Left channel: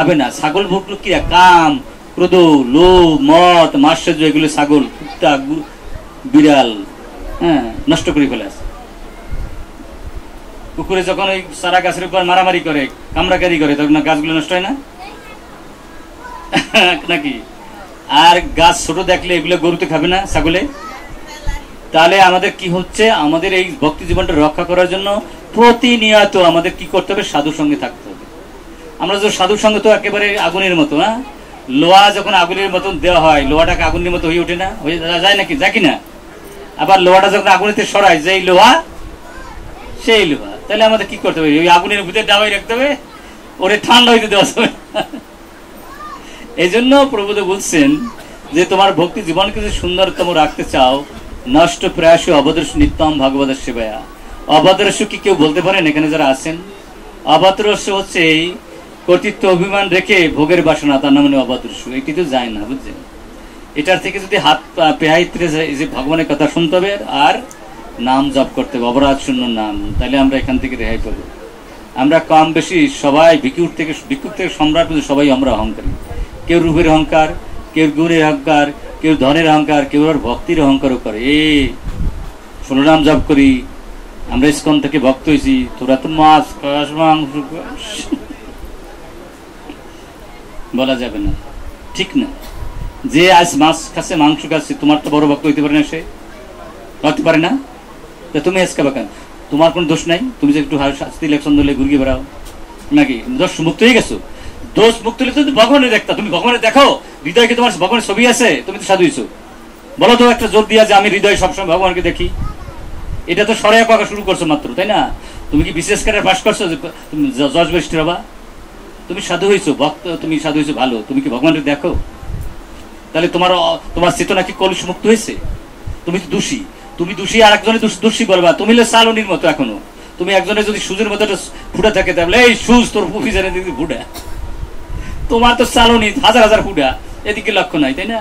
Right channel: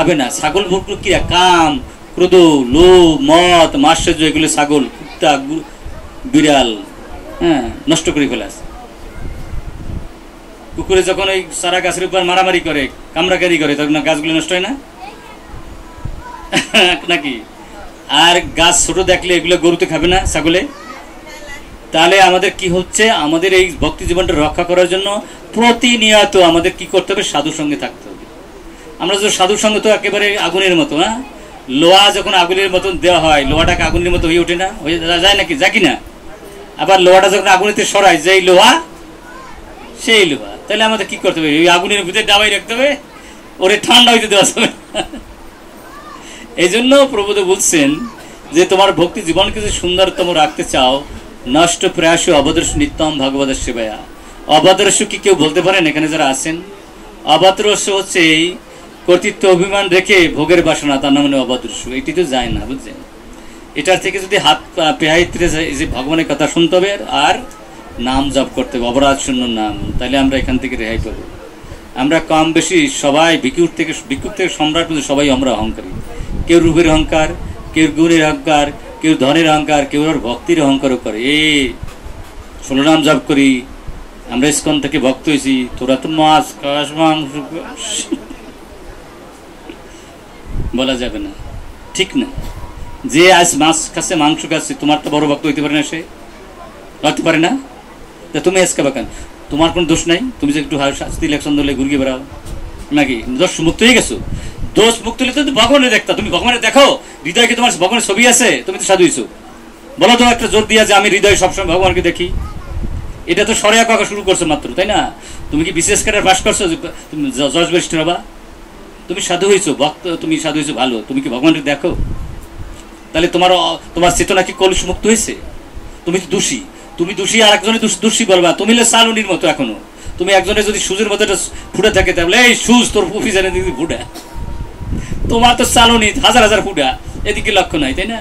খাবে না। ছাগল ভুক্ত কি কাম, ক্রোধ, লোভ, মদ, মাৎসর্য, এগুলো ছাগল, কুত্তা, বিড়াল নষ্ট করে ফেলে। কুকুরে যখন ওই সারা গাছের উপর মারামারি করে, কামড়াকারি করে, তখন গাছগুলো নষ্ট হয় না নাকি? আর গাছ ছোট দেখলে এগুলো গরুতে খাবে না, ছাগলে? তাহলে আমাদের কি হচ্ছে, আমাদের এই ভক্তি জীবনটা রক্ষা করার জন্য প্রতিনিয়ত আমাদের কি করতে হবে, সাধুর সঙ্গে থাকতে হবে। আমরা যে সাধুর সঙ্গে তো একেবারে আগুনের মতো, লোহা যখন আগুনের মতন দেওয়া হয়, লোহাটাকে আগুনের মতো হয়ে ওঠে না, হয়ে যায় নাকি, যা কিনা? আবার লোহাটা যখন আগুনেতে সরায়, যেই লোহা সেই লোহা। তাহলে আমাদের কি করতে হবে, ওই আগুনের ভিতরে ডাবাই রাখতে হবে, ওরে ঠান্ডা হইতে দেওয়া যাবে। এই জন্য প্রভুদেব বলছেন যে তোমার ভক্তি জীবনকে যদি সুন্দরতম রাখতে চাও, নষ্ট প্রয়াস অবদর্শ নিত্যম ভগবত সেবায়া। অবদর্শ কি কেউ বলতে পারেন এখানে যারা আছেন? অবদর্শ হচ্ছে এই কর্তৃত্ব অভিমান রেখে ভোগের বাসনা, তার নাম অবদর্শ। এটি তো যায় না, বুঝছেন? এটার থেকে যদি হাত পেহাইতে যে ভগবানের কথা শুনতে হবে আর নাম জপ করতে হবে, অপরাধ শূন্য নাম, তাহলে আমরা এখান থেকে রেহাই পাবো। আমরা কম বেশি সবাই ভিক্ষুক থেকে সম্রাট, সবাই আমরা অহংকারী। কেউ রূপের অহংকার, কেউ গুণের অহংকার, কেউ ধনের অহংকার, কেউ আর ভক্তির অহংকারও করে। ষোলো নাম জপ করি, আমরা ইস্কন থেকে ভক্ত হয়েছি, তোরা তো মাছ খাস, মাংস বলা যাবে না, ঠিক না? যে আজ মাছ খাচ্ছে, মাংস খাচ্ছে, তোমার তো বড় ভক্ত হইতে পারে না, সে হতে পারে না। তুমি আজকে বাকান, তোমার কোন দোষ নাই, তুমি যে একটু শাস্তি ইলেকশন ধরলে ঘুরিয়ে বেড়াও নাকি, দোষ মুক্ত হয়ে গেছো। দোষ মুক্ত হলে তুমি ভগবানের দেখতা, তুমি ভগবানের দেখো, হৃদয়ে কি তোমার ভগবানের ছবি আছে? তুমি তো সাধু হইছো, বলো তো একটা জোর দিয়া যে আমি হৃদয়ে সবসময় ভগবানকে দেখি। এটা তো সরে আঁকা শুরু করছো মাত্র, তাই না? তুমি কি বিশেষ করে বাস করছো, তুমি জজ বরিষ্ঠ হবা? তুমি সাধু হয়েছো, ভক্ত, তুমি সাধু হয়েছো ভালো, তুমি কি ভগবানের দেখো? তাহলে তোমার চেতনা কি কলুষ মুক্ত হয়েছে? তুমি তো দোষী, তুমি দোষী, আর একজনের দোষী বলবা। তুমি হলে চালনির মতো এখনো, তুমি একজনের যদি সুজের মতো ফুটা থাকে, তাহলে এই সুজ তোর অফিসারে দিদি ফুটা, তোমার তো চালনি হাজার হাজার ফুটা, এদিকে লক্ষ্য নাই, তাই না?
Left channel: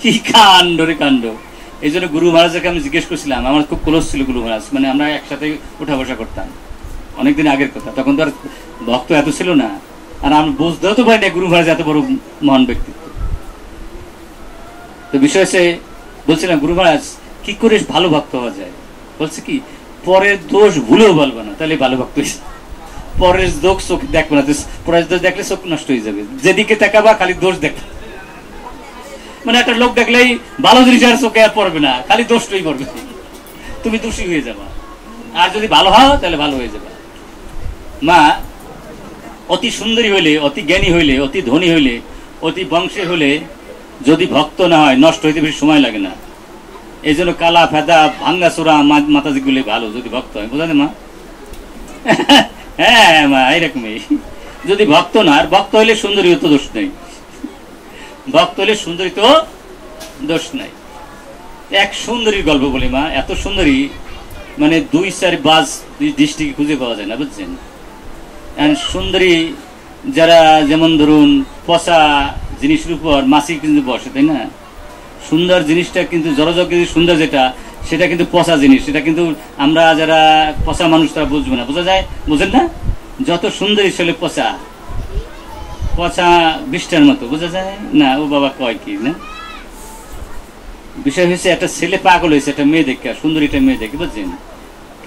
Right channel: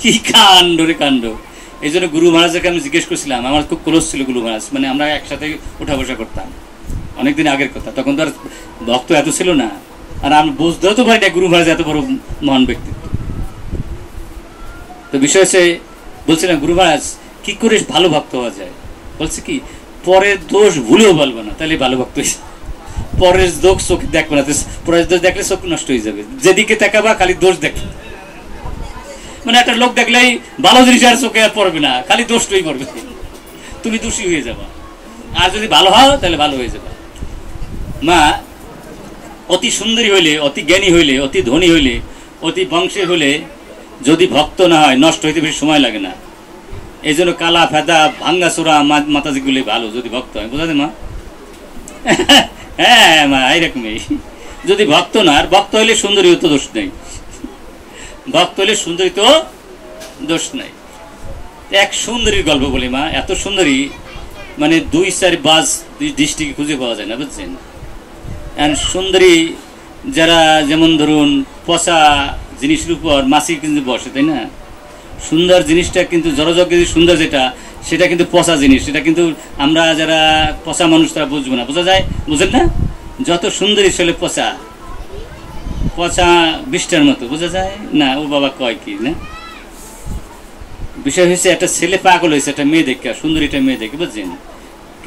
কি কাণ্ড রে কাণ্ড। এই জন্য গুরু মহারাজকে আমি জিজ্ঞেস করছিলাম, আমার খুব ক্লোজ ছিল গুরু মহারাজ, মানে আমরা একসাথে উঠা বসা করতাম, অনেকদিন আগের কথা, তখন তো আর ভক্ত এত ছিল না, আর আমি বুঝতেও তো পারি না গুরু মহারাজ এত বড় মহান ব্যক্তিত্ব। তো বিষয় হচ্ছে, বলছিলাম গুরু মহারাজ কি করে ভালো ভক্ত হওয়া যায়? বলছে কি, পরের দোষ ভুলেও বলবো না, তাহলে ভালো ভক্ত হয়েছে। পরের দোষ চোখ দেখবে না, পরের দোষ দেখলে চোখ নষ্ট হয়ে যাবে, যেদিকে তাকাবা খালি দোষ দেখবে। মানে একটা লোক দেখলেই ভালো জিনিস আর চোখে আর পড়বে না, খালি দোষটাই পড়বে, তুমি দোষী হয়ে যাবা। আর যদি ভালো হও তাহলে ভালো হয়ে যাবে। মা অতি সুন্দরী হইলে, অতি জ্ঞানী হইলে, অতি ধনী হইলে, অতি বংশে হইলে যদি ভক্ত না হয়, নষ্ট হইতে বেশি সময় লাগে না। এই জন্য কালা ফেদা ভাঙ্গা চোরা মাতাজি গুলি ভালো যদি ভক্ত হয়, বুঝাতে মা? হ্যাঁ মা, এইরকমই। যদি ভক্ত না, আর ভক্ত হইলে সুন্দরী তো দোষ নেই, ভক্ত হইলে সুন্দরী তো দোষ নাই। এক সুন্দরীর গল্প বলি মা, এত সুন্দরী মানে 2-4 বাস দৃষ্টিকে খুঁজে পাওয়া যায় না, বুঝছেন? সুন্দরী যারা যেমন ধরুন পচা জিনিসের উপর মাছি কিন্তু বসে, তাই না? সুন্দর জিনিসটা কিন্তু জড়জগ সুন্দর যেটা, সেটা কিন্তু পচা জিনিস, সেটা কিন্তু আমরা যারা পচা মানুষ তারা বুঝবো না, বোঝা যায়, বুঝেন না? যত সুন্দরী ছেলে পচা, পচা বৃষ্টার মতো, বোঝা যায় না? ও বাবা কয় কি না? বিষয় হয়েছে, একটা ছেলে পাগল হয়েছে একটা মেয়ে দেখে, সুন্দরী একটা মেয়ে দেখে, বুঝছেন?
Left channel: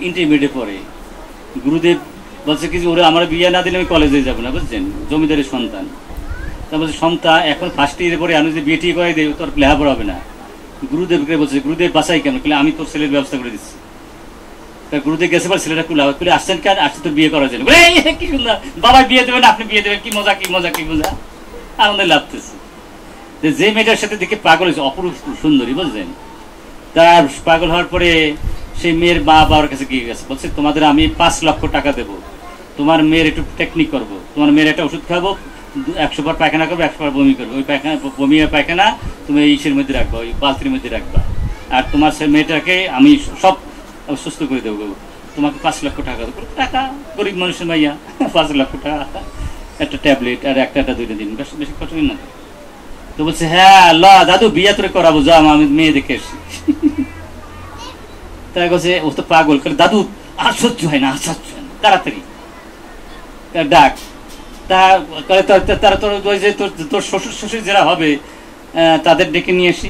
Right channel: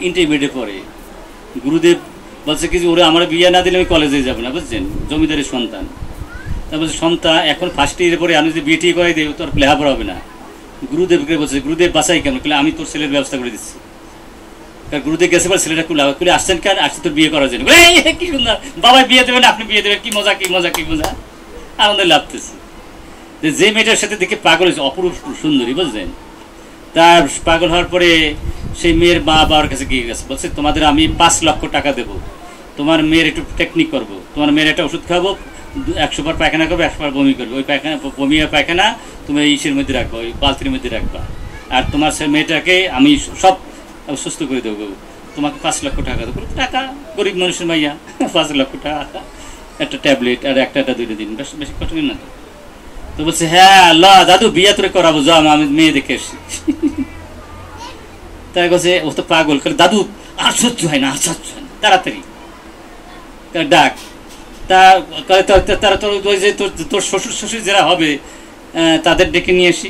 ইন্টারমিডিয়েটে পড়ে। গুরুদেব বলছে কি, ওরা আমার বিয়ে না দিলে আমি কলেজে যাবো না, বুঝছেন? জমিদারের সন্তান। তা বলছে সন্তান এখন ফার্স্ট ইয়ারে পরে আমি যদি বিয়ে টি করে দেব, তোর লেখাপড়া হবে না। গুরুদেবকে বলছে, গুরুদেব বাঁচাই কেন? আমি তোর ছেলের ব্যবস্থা করে দিচ্ছি। গুরুদেব গেছে বলে ছেলেটা খুলে আসছেন কেন? আসছে তোর বিয়ে করার জন্য। কি সুন্দর, বাবা বিয়ে দেবেন, আপনি বিয়ে দেবেন, কি মজা, কি মজা, কি মজা, আনন্দ লাগতেছে। যে মেয়েটার সাথে দেখে পাগল হয়েছে, অপরূপ সুন্দরী, বুঝলেন? তার পাগল হওয়ার পরে সেই মেয়ের বাবার কাছে গিয়ে গেছে, বলছে তোমাদের আমি 5 লক্ষ টাকা দেবো, তোমার মেয়ের একটু টেকনিক করবো, তোমার মেয়ের একটা ওষুধ খাবো, 100 বার পায়খানা করবো, 100 বার বমি করবো, ওই পায়খানা বমি আর পায়খানা তুমি ইসের মধ্যে রাখবা, ওই বালতির মধ্যে রাখবা, আর তোমার সে মেয়েটাকে আমি সব সুস্থ করে দেবো, তোমাকে 5 লক্ষ টাকা দেবো। টাকা গরিব মানুষের মাইয়া, 5 লক্ষ টাকা, একটা ট্যাবলেট আর একটা 2টা দিন, বেশি কষ্ট না। তো বলছে হ্যাঁ আল্লাহ দাদু বিয়ে তোরে করাবো, যা আমি মেয়ে দেখে এসছি। তাই বলছে ও তো পাগল, দাদু আর সহ্য হয় না, আর সহ্য হয় না, তাড়াতাড়ি ডাক। তা তারা তোর শ্বশুর শ্বশুর যারা হবে তাদের ডেকে নিয়ে আসি,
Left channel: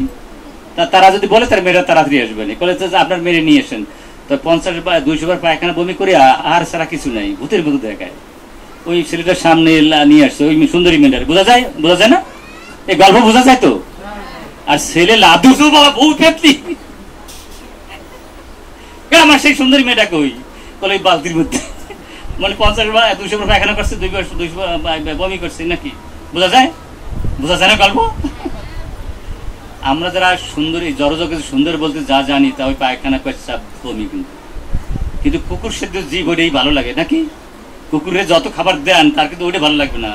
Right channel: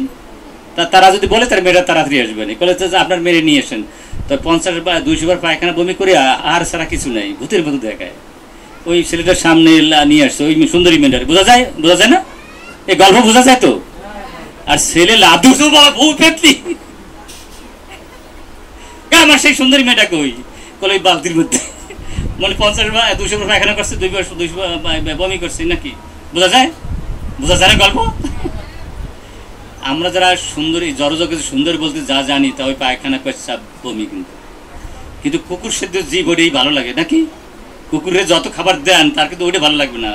তারা যদি বলে তার মেয়েরা তাড়াতাড়ি আসবে না, বলে আপনার মেয়ে নিয়ে আসেন। তো 50 বা 200 বার পায়খানা বমি করে আর সারা কিছু নাই, ভূতের মতো দেখায়। ওই ছেলেটার সামনে নিয়ে আসছে ওই সুন্দরী মেয়েটার, বোঝা যায় না? এই গল্প বোঝা যায় তো? আর ছেলে লাদু তো বাবা বউ পেতলি, আমার সেই সুন্দরী মেয়েটাকে ওই ওই বালতির মধ্যে মানে 50 বা 200 বার পায়খানা করছে, 200 বমি করছে নাকি, বোঝা যায় না গল্প? আমরা যারা সুন্দরী জড়জগতে সুন্দর বলতে যা জানি তা ওই পায়খানা পেশাব বমি, কিন্তু কুকুর সেদ্ধ জীব ওইটাই ভালো লাগে নাকি? কুকুরের যত খাবার দেন তার কিন্তু ওইটা ভালো লাগবে না,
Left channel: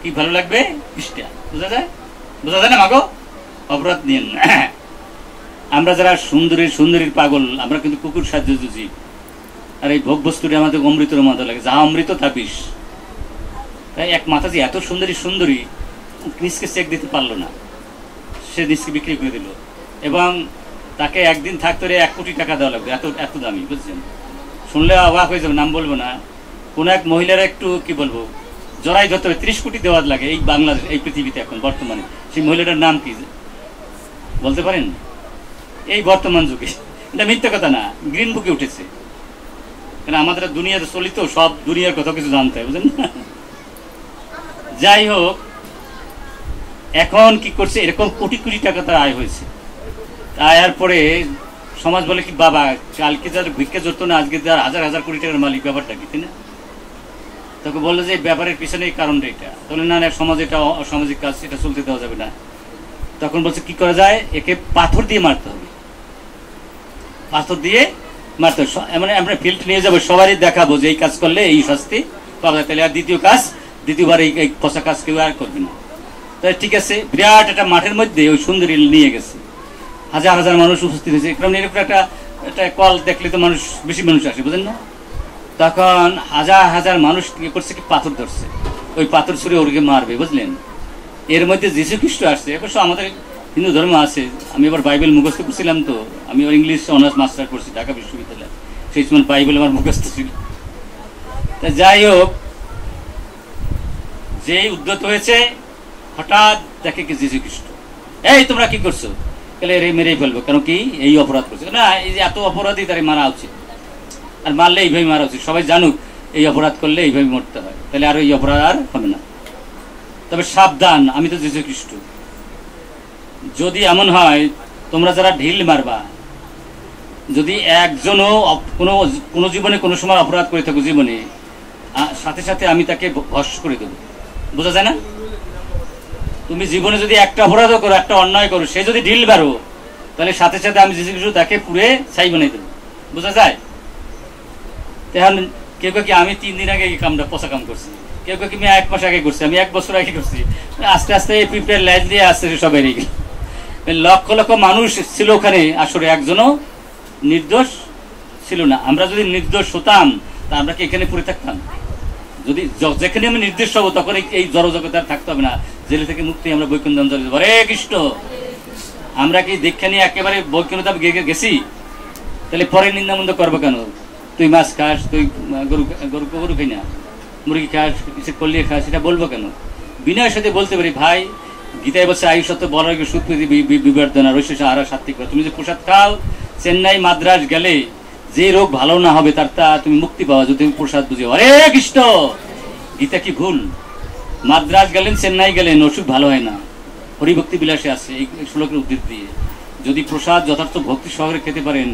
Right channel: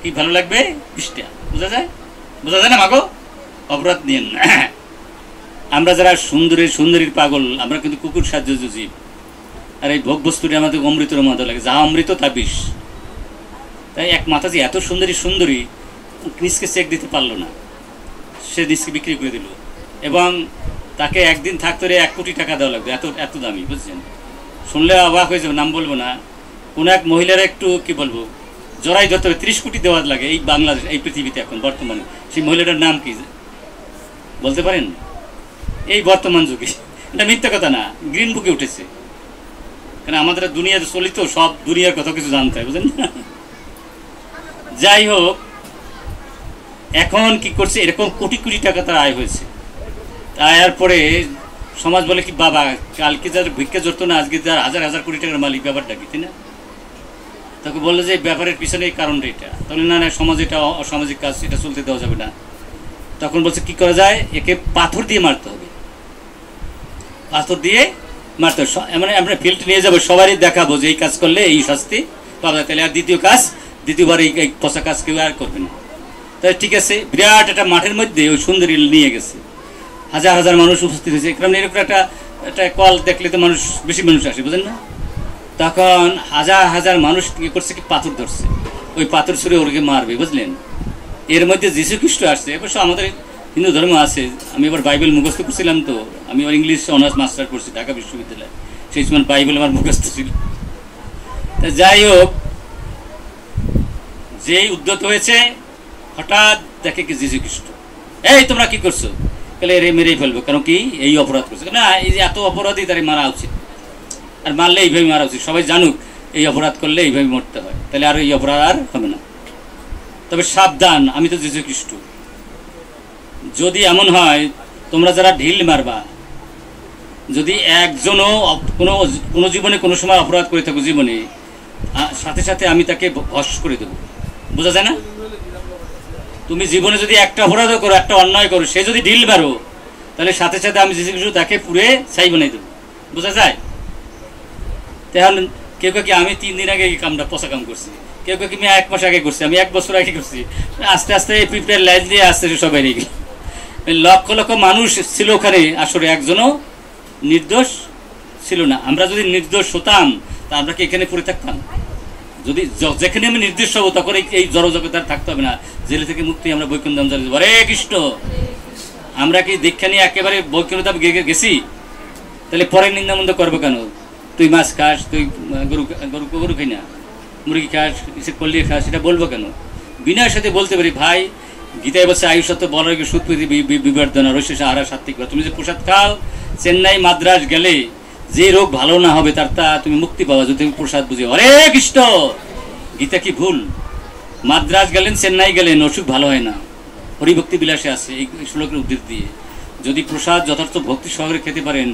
কি ভালো লাগবে? ইষ্টা। বোঝা যায় না মাগো? অপরাধ নিয়েন না। আমরা যারা সুন্দরীর পাগল, আমরা কিন্তু কুকুর সাহায্য জীব। আর এই ভোগ বস্তুটা আমাদের অমৃতের মতো লাগে, যা অমৃত তা বিষ। তাই এক মাথা যে এত সুন্দরী নিজকে চেক দিতে পারলো না, সে নিজকে বিক্রি করে দিল, এবং তাকে একদিন থাকতে 1 কোটি টাকা দেওয়া লাগবে, এত দামি, বুঝছেন? শুনলে অবাক হয়ে যাবে, নাম বলবো না। কোন এক মহিলার একটু কি বলবো জড়াই ধরতে হবে, 30 কোটি দেওয়ার লাগে এই বাংলাদেশ, এই পৃথিবীতে এখন বর্তমানে। সেই মহিলাটার নাম কি বলতে পারেন? এই বর্তমান যুগে, এটা মিথ্যা কথা না, গ্রিন বুকে উঠেছে। কারণ আমাদের দুনিয়াতে চলিত সব দুনিয়ার কথা কিছু জানতে হয়, বুঝলেন না? যাই হোক, এখন কি করছে, এরকম কোটি টাকা তার আয় হয়েছে। আয়ার পরে সমাজ বলে কি, বাবা কালকে যার ভিক্ষা জড়তো না, আজকে যার হাজার কোটি টাকার মালিক, ব্যাপারটা কি, তাই না? তাকে বললো যে ব্যাপারের পিছনে এই কারণটা এটা। তাহলে না সমাজ এটা অসামাজিক কাজ, এটা চলতে দেওয়া যাবে না। তখন বলছে কি করা যায়, একে পাথর দিয়ে মারতে হবে, মানে আমরা ফিল্ড নিয়ে যাবো, সবারই দেখাবো যে এই কাজ করলে এই শাস্তি পাওয়া যায়। তাহলে আর দ্বিতীয়বার এই পচা কাজ কেউ আর করবে না। তাই ঠিক আছে, বিরাট একটা মাঠের মধ্যে ওই সুন্দরী নিয়ে গেছে, হাজার মানুষ উপস্থিত হয়েছে। কারণ এরকম একটা কল দেখলে তো বেশি মানুষ আসে, বুঝলেন না? তখন হাজার মানুষ কি করছে, কি পাথর ধরছে, ওই পাথর ছুঁড়ে ওরকে মারবে, বুঝলেন? এর মধ্যে যীশু খ্রিস্ট আসছে। অবশ্য আমাদের হিন্দু ধর্ম আছে, আমি এবার বাইবেল মুখস্থ করছিলাম, তো আমি আবার ইংলিশ অনার্স মাস্টার করছি ঢাকা বিশ্ববিদ্যালয়ে, সেই সময় বাইবেল আমার মুখস্থ ছিল। যাই হোক, যেই উদ্যত হয়েছে, হঠাৎ দেখে কি যীশু খ্রিস্ট, এই তোমরা কি করছো? মেরেই ফেলবো, কারণ কি এই অপরাধ করছে না, এই যে এত অপরাধী তার মারা উচিত, আর মারলে এইভাবে মারা উচিত, সবাই জানুক এই অপরাধ করলে এইভাবে মরতে হয়, তাহলে আর এই অপরাধ আর হবে না। তবে সাবধান, আমি তো যীশু খ্রিস্ট, যদি এমন হয় তোমরা যারা ঢিল মারবা, যদি একজনও কোনো জীবনে কোনো সময় অপরাধ করে থাকো জীবনে, সাথে সাথে আমি তাকে ভস্ম করে দেবো। বোঝা যায় না? তুমি জীবনে যদি একটা অপরাধও করো, একটা অন্যায় করো, সে যদি ঢিল মারো, তাহলে সাথে সাথে আমি যীশু খ্রিস্ট তাকে পুড়ে ছাই বানাই দেবো। বোঝা যায়? তখন কেউ কি আমি 3 দিন আগে এই কামটা পচা কাম করছি, কেউ কি আমি 1 মাস আগে করছি, আমি 1 বছর আগে করছি, আস্তে আস্তে পিঁপড়ের লাইন দিয়ে আসতে সবাই রেগে লক্ষ মানুষ ছিল ওখানে, আসলে একজনও নির্দোষ ছিল না। আমরা যদি নির্দোষ হতাম তা আমরা কি এখানে পড়ে থাকতাম? যদি যেখানে আমি নির্দিষ্ট হবো, তখন এই জড়জগতে আর থাকতে হবে না, জেলে থেকে মুক্তি আমরা বৈকুণ্ঠ ধাম চলে যাবো। হরে কৃষ্ণ। আমরা কি দীক্ষা নিয়ে একেবারে বৈকুণ্ঠ ধাম গেছি, তাহলে পরে নিন্দামন্দ করবো কেন? তুই মাছ খাস, তুই গরু খাই না, মুরগি খাস, করলি খাস, এটা বলবো কেন? বিনয়ের সাথে বলতে পারি, ভাই গীতায় বলছে আয়ুষত্ব বলার সুপ্রীতি বিবর্ধনা রৈশা আহার সাত্বিক। তুমি যে প্রসাদ খাও, চেন্নাই মাদ্রাজ গেলে যে রোগ ভালো না হবে তার তা তুমি মুক্তি পাওয়া, যদি তুমি প্রসাদ বুঝে। হরে কৃষ্ণ। গীতা কি ভুল? মাদ্রাজ গেলেন, চেন্নাই গেলেন, অসুখ ভালো হয় না, হরিভক্তি বিলাসে আছে এই শ্লোকের উদ্দেশ্য দিয়ে। যদি প্রসাদ যথার্থ ভক্তি সহকারে খেতে পারেন,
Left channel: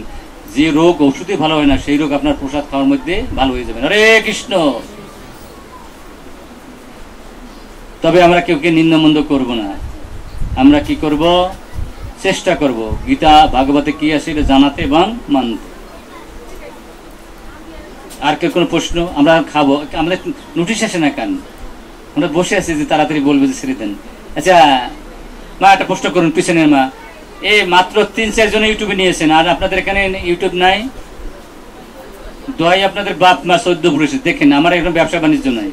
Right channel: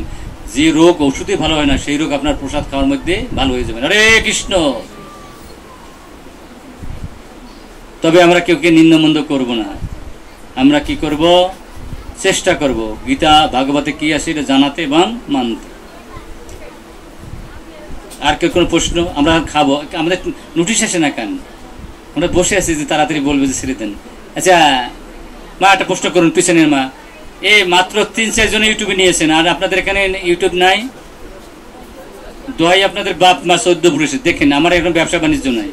যে রোগ ওষুধে ভালো হয় না, সেই রোগ আপনার প্রসাদ খাওয়ার মধ্যে ভালো হয়ে যাবে। হরে কৃষ্ণ। তবে আমরা কেউকে নিন্দমন্দ করব না, আমরা কি করব? চেষ্টা করব গীতা ভাগবতে কি আছে এটা জানাতে এবং মানতে। আর কেউ কোনো প্রশ্ন? আমরা খাবো, আমাদের নোটিশ আসে না কেন? আমরা বসে আছি যে তাড়াতাড়ি বলবে যে ছেড়ে দেন। আচ্ছা মা, একটা প্রশ্ন করুন পিছনের মা, এই মাত্র 3-4 জন ইউটিউবে নিয়েছেন, আর আপনাদের এখানে ইউটিউব নাই? দোহাই আপনাদের বাপ মা 14 পুরুষে দেখেন, আমার এখন ব্যবসা বাণিজ্য নাই।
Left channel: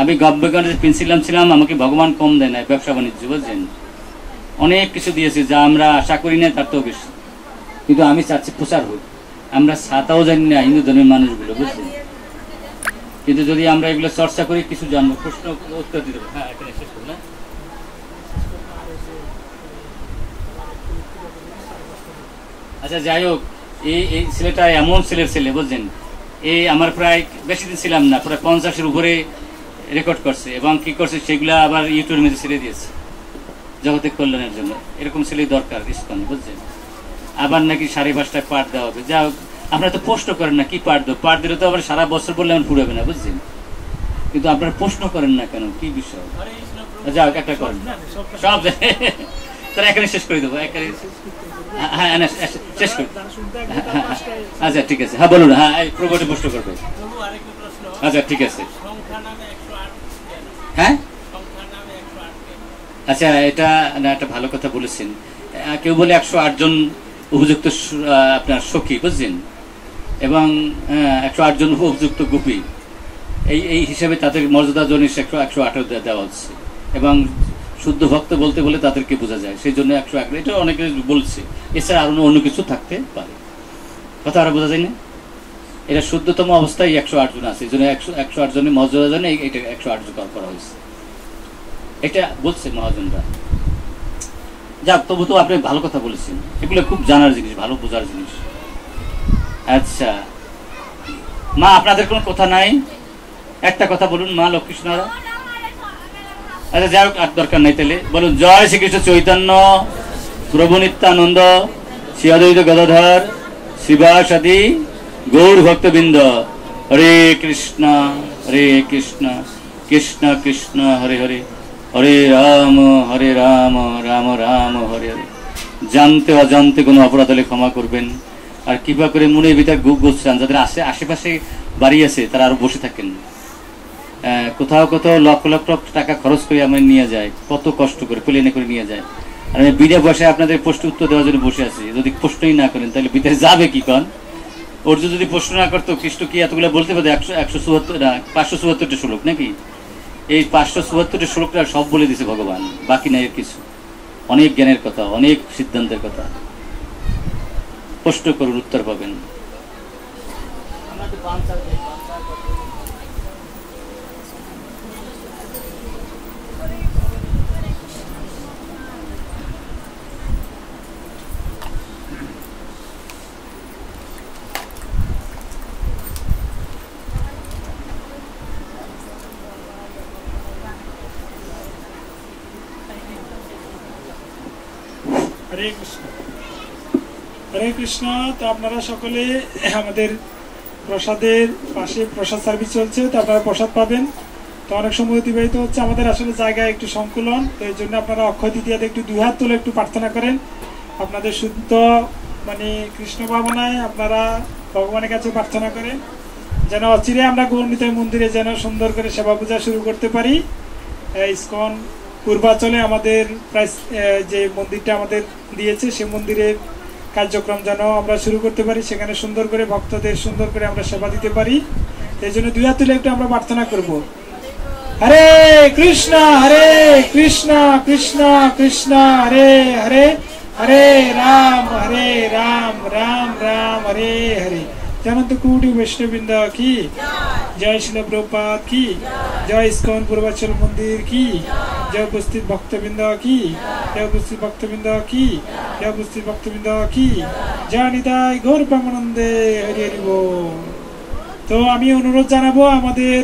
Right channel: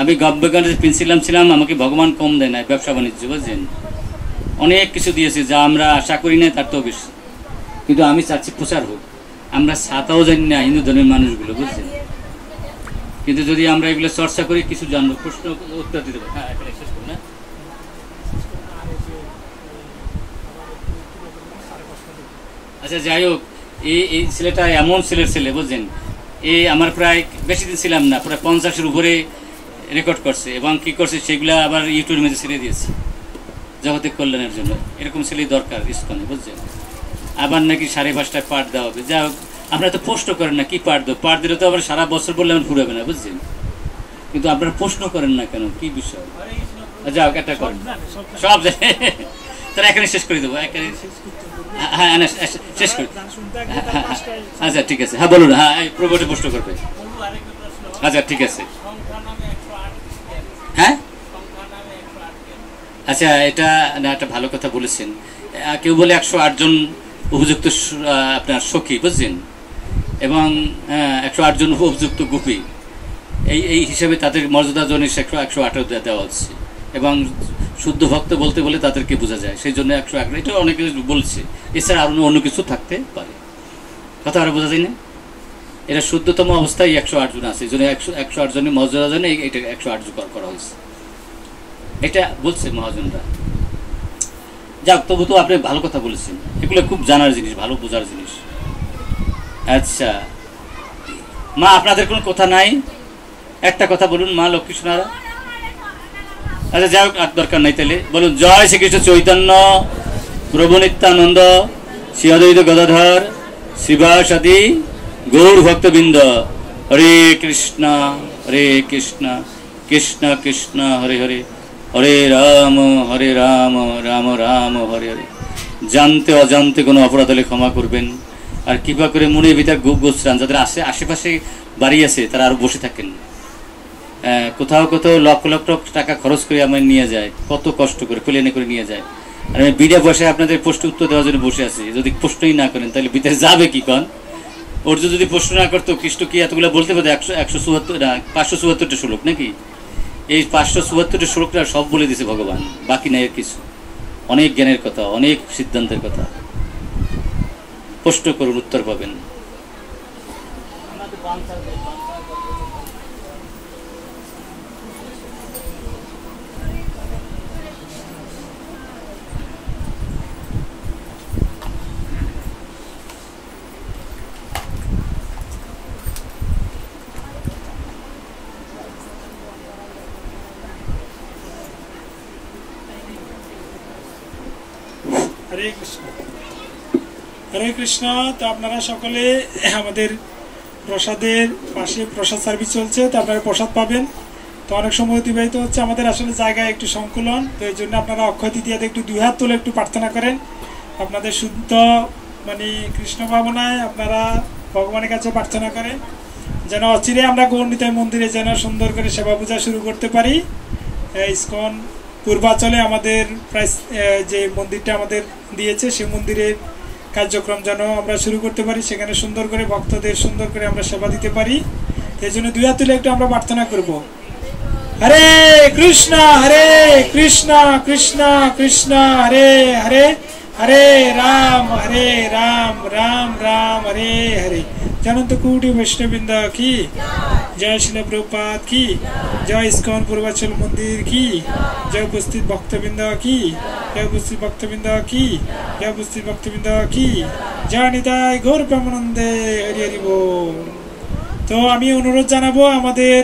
আমি গভর্নমেন্ট প্রিন্সিপাল ছিলাম, আমাকে ভগবান কম দেয় না ব্যবসা বাণিজ্য, বুঝছেন? অনেক কিছু দিয়েছে যা আমরা আশা করি না তার তো বেশি, কিন্তু আমি চাচ্ছি প্রচার হোক। আমরা ছাতাও জানি না হিন্দু ধর্মের মানুষগুলো, বুঝছেন? কিন্তু যদি আমরা এগুলো চর্চা করি কিছু জানবো, প্রশ্ন উত্তর দিতে পারি। হ্যাঁ, এখানে শেষ করুন। আচ্ছা, যাই হোক, এই ছেলেটা এমন ছেলের ছেলে বুঝছেন, এই আমার প্রায় বেশি দিন ছিলাম না, প্রায় 50-এর উপরে রেকর্ড করছে এবং কি করছে সেগুলো আবার ইউটিউবের মধ্যে ছেড়ে দিয়েছে জগতের কল্যাণের জন্য। এরকম ছেলেই দরকার ইস্কনে, বুঝছেন। আবার নাকি 5:30টায় পাঠ দেওয়া হবে। যা হোক, আপনারা তো প্রশ্ন করেন না, কি পাঠ দেবো? পাঠ দিলে তো আবার সারা বছর বললে আমার ফুরাবে না, বুঝছেন। কিন্তু আপনারা প্রশ্ন করেন না কেন, কি বিষয়? যা হোক, একটা করেন সব তারা এখানে শেষ করে দেবো। হ্যাঁ, শেষ করে। আচ্ছা, ঠিক আছে। হ্যাঁ, বলুন। হ্যাঁ, প্রভুটি প্রশ্ন করবে। আচ্ছা, ঠিক আছে। হ্যাঁ, আচ্ছা, এটা না, একটা ভালো কথা বলেছেন। কেউ বলে 108 জন উপযুক্ত আপনার সখী, বুঝছেন, এবং 108 জন উপযুক্ত গোপী। এই হিসাবে তাদের মর্যাদা জন 108 দেওয়া হচ্ছে। এবং শুদ্ধ ভক্ত বলতে বলে তাদেরকে বোঝা যায়, সেই জন্য 108। এটা অনেকে বলছে, এছাড়া আরো অন্য কিছু থাকতে পারে, কথা আরো বোঝা যায় না। এটা শুদ্ধতম অবস্থায় 108 জন আছে, এই জন্য 108 জনের মর্যাদা জন্য এটা 108 জন করা হয়েছে, এটা বলছে মহাজনরা। যাক, তবু তো আপনি ভালো কথা বলেছেন, এগুলো খুব জানার জিনিস, ভালো বোঝার জিনিস। আচ্ছা মা, আপনাদের কোনো কথা নাই? একটা কথা বলুন মা লক্ষ্মীনারা। আচ্ছা, যাই হোক, আর দরকার নাই, তাহলে বলুন, জয় শ্রীকৃষ্ণ চৈতন্য প্রভু নিত্যানন্দ শ্রী অদ্বৈত গদাধর শ্রীবাসাদি গৌর ভক্তবৃন্দ। হরে কৃষ্ণ কৃষ্ণ কৃষ্ণ হরে হরে, হরে রাম রাম রাম হরে হরে। জানতে অজান্তে কোনো অপরাধ হলে ক্ষমা করবেন, আর কৃপা করে মনের ভিতর গোস্রান যাদের আশেপাশে বাড়ি আছে তারা আরো বসে থাকেন। কোথাও কোথাও লক্ষ লক্ষ টাকা খরচ করে আমরা নিয়ে যায়, কত কষ্ট করে প্লেনে করে নিয়ে যায়, আর আমি বিনা পয়সায় আপনাদের প্রশ্ন উত্তর দেওয়ার জন্য বসে আছি। যদি প্রশ্নই না করেন তাহলে ভিতরে যাবে কি? কন অর্জুন যদি প্রশ্ন না করতো, কৃষ্ণ কি এতগুলো বলতে পারতো? 574টা শ্লোক নাকি? এই 574টা শ্লোকটা সব বলে দিয়েছে ভগবান, বাকি নাই কিছু। অনেক জ্ঞানের কথা, অনেক সিদ্ধান্তের কথা। প্রশ্ন করুন, উত্তর পাবেন। হরে কৃষ্ণ, হরে কৃষ্ণ। তো আপনারা সকলে আমাদের প্রসাদের পাশে প্রসাদ সার্ভিস চলছে, তো আপনারা প্রসাদ পাবেন। তো অনেক সময় অতিবাহিত হচ্ছে, আমাদের আসলে জায়গায় একটু সংকুলন, তো এই জন্য আপনারা অক্ষয় তৃতীয়াতে একটু 2 হাত তুলে একটু প্রার্থনা করেন। আপনাদের শুদ্ধ কৃষ্ণ ভাবনায় আপনারা ভগবানের কাছে প্রার্থনা করেন, যেন অচিরে আমরা গৌরনিতাই মন্দিরে যেন সুন্দর করে সেবা পূজা শুরু করতে পারি। ইসকন পূর্বাচলে আমাদের প্রায় যে মন্দিরটা আমাদের দিয়েছে, সেই মন্দিরের কার্যক্রম যেন আমরা শুরু করতে পারি, সেখানে সুন্দর করে ভক্তদের সুন্দর করে আমরা সেবা দিতে পারি। এই জন্য 2 হাত তুলে একটু আমরা প্রার্থনা করব। হরে কৃষ্ণ কৃষ্ণ কৃষ্ণ হরে হরে, হরে রাম রাম রাম হরে হরে। জনন্ত কোটি বৈষ্ণববৃন্দ কি জয়, শিল প্রভুপাদ কি জয়, ইসকন পূর্বাচল মন্দির কি জয়, উপস্থিত ভক্তবৃন্দ কি জয়, উপস্থিত ভক্তবৃন্দ কি জয়, উপস্থিত ভক্তবৃন্দ কি জয়, নিতাই গৌর প্রেমানন্দে হরি হরি বল। তো আমি অনুরোধ জানাবো আমাদের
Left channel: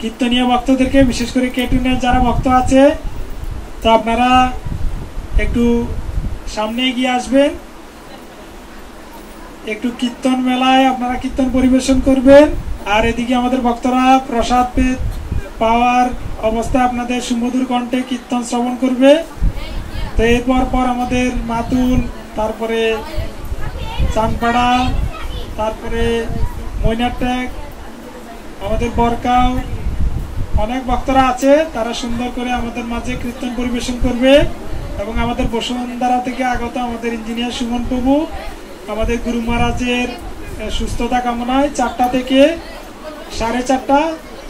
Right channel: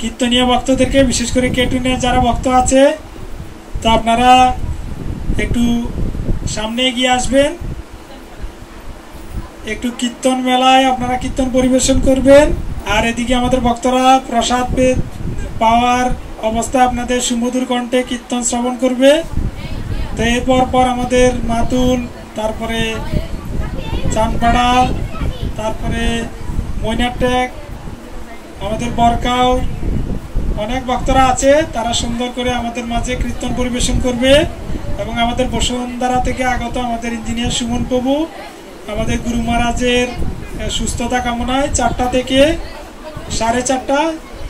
কীর্তনীয় ভক্তদেরকে, বিশেষ করে কেটুনিয়া যারা ভক্ত আছে, তো আপনারা একটু সামনে এগিয়ে আসবেন। একটু কীর্তন মেলায় আপনারা কীর্তন পরিবেশন করবেন, আর এদিকে আমাদের ভক্তরা প্রসাদ পাওয়ার অবস্থায় আপনাদের সুমধুর কণ্ঠে কীর্তন শ্রবণ করবে। তো এরপর আমাদের মাতুল, তারপরে চানপাড়া, তারপরে মৈনাটেক, আমাদের বরকাও অনেক ভক্তরা আছে, তারা সুন্দর করে আমাদের মাঝে কীর্তন পরিবেশন করবে। এবং আমাদের বসুন্ধরা থেকে আগত আমাদের ইঞ্জিনিয়ার সুমন প্রভু আমাদের গুরু মহারাজের সুস্থতা কামনায় 4টা থেকে 4:30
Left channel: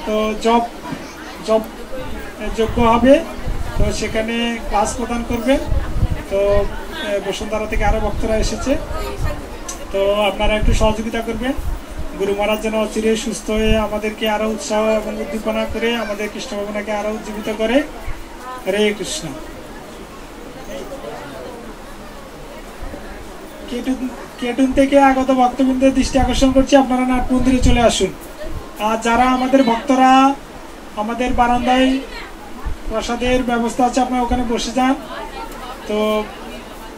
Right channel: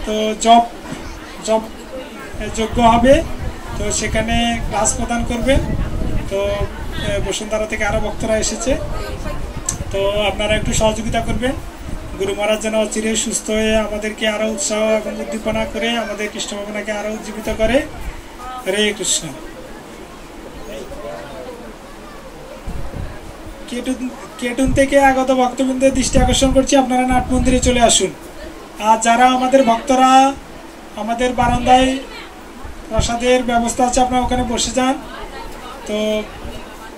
তো জব যোগ্য হবে, তো সেখানে ক্লাস প্রদান করবেন। তো বসুন্ধরা থেকে আরো ভক্তরা এসেছে, তো আপনারা একটু সহযোগিতা করবেন। গুরু মহারাজ যেন চিরে সুস্থ হয়ে আমাদেরকে আরো উৎসাহ এবং উদ্দীপনা করে আমাদের কৃষ্ণ ভাবনাকে আরো উজ্জীবিত করে। হরে কৃষ্ণ। কেটুন থেকে আগত ভক্তবৃন্দের দৃষ্টি আকর্ষণ করছি, আপনারা নাট মন্দিরে চলে আসুন। আর যারা আমাদের ভক্তরা আমাদের বারান্দায় প্রসাদের ব্যবস্থা আছে, আপনারা ওখানে বসে যান। তো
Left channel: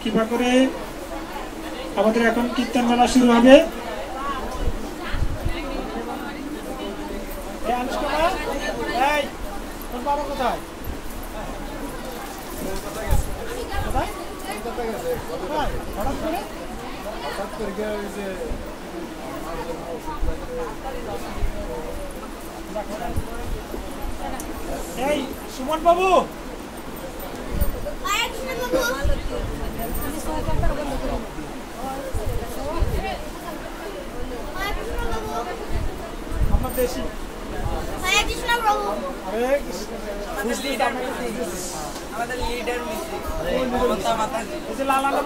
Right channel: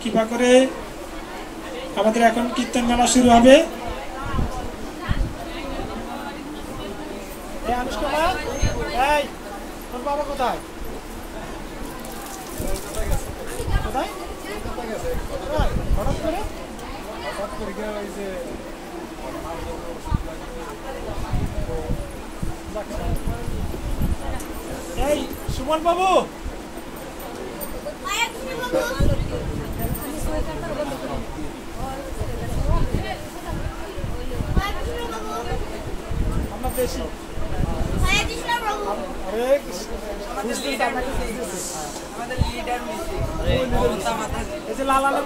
কৃপা করে আমাদের এখন কীর্তন মেলা শুরু হবে। সুমন বাবু,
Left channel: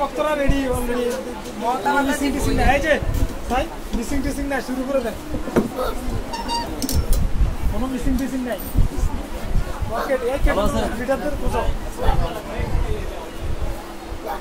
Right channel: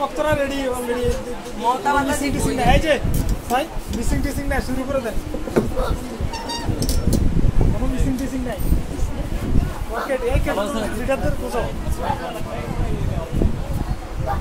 ভক্তরা রেডি মিসিং টিসিং নাই, শুরু করে দেন। কোনো মিসিং টিসিং নাই। ওকে, লিডারদের বুঝো।